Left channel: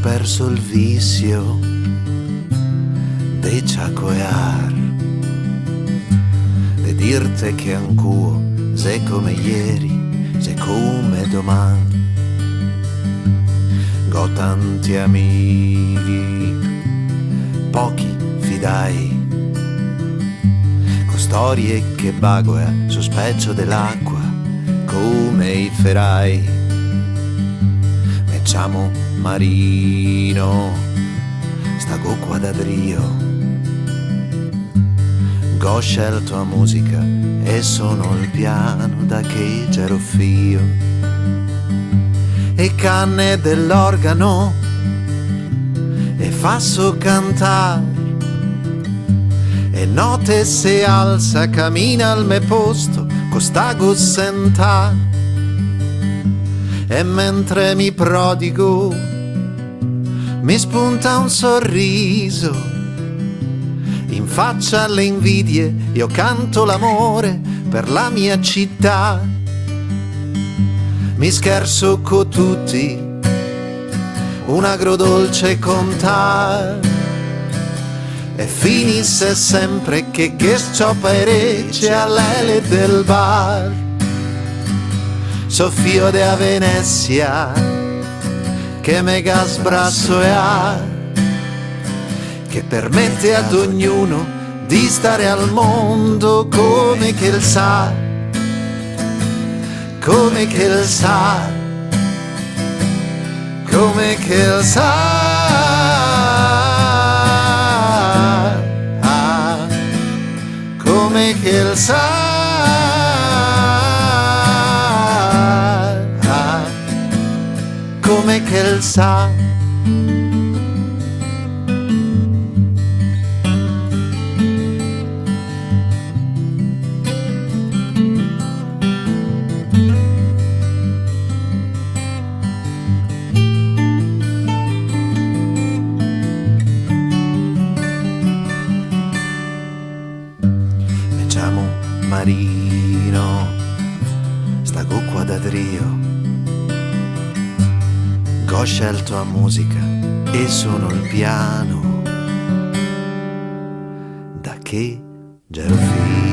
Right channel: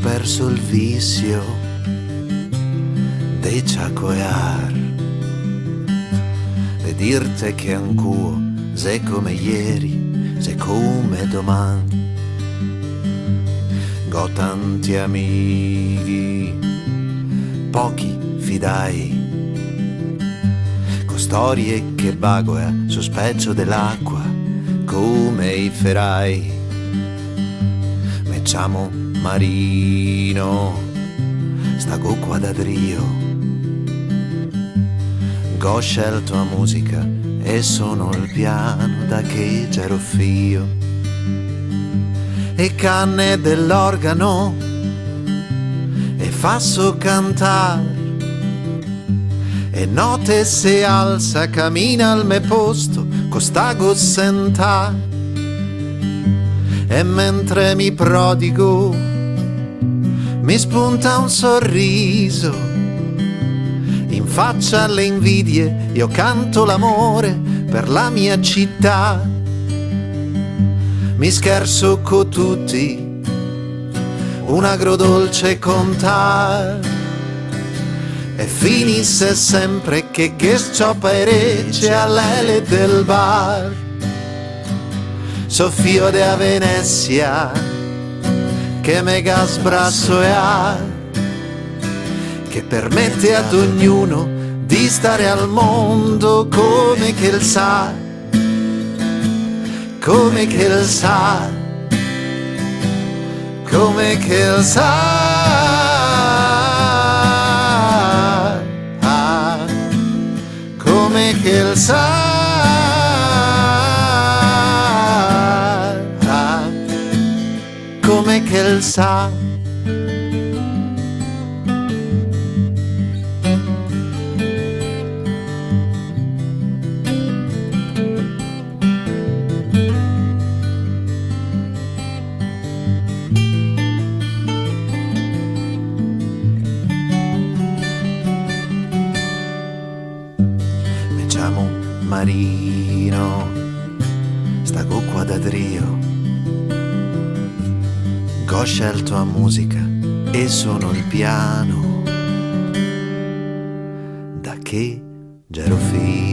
perso il vizio de ciacoear, de dirte che ancuo se come ieri, se come domani. Go tanti amici, pochi fidai, con storie che bagoea sul specchio dell'acqua, come i ferai. Me chiamo Marino, stago qua da Drio, go scelto a musica e sono il piano da che c'ero fio. E canne dell'organo e fasso cantar, e note se alza cammina al me posto costago sentar. E mentre mi prodigo mi spunta un sorriso in faccia alle invidie, io canto l'amore per la mia città. Mi scherzo con tutti, un agrodolce contar, e finisse sempre che sciopere all'ele del bar. Soffio de a Venezia, che mega sbrasso e ha, che permette ad ognuno di stare al mondo come che il sa. Come che il sa, come che il sa, come che il sa, come che il sa. Marino, stago qua da Drio, go scelto a musica e sono il piano da che c'ero fio.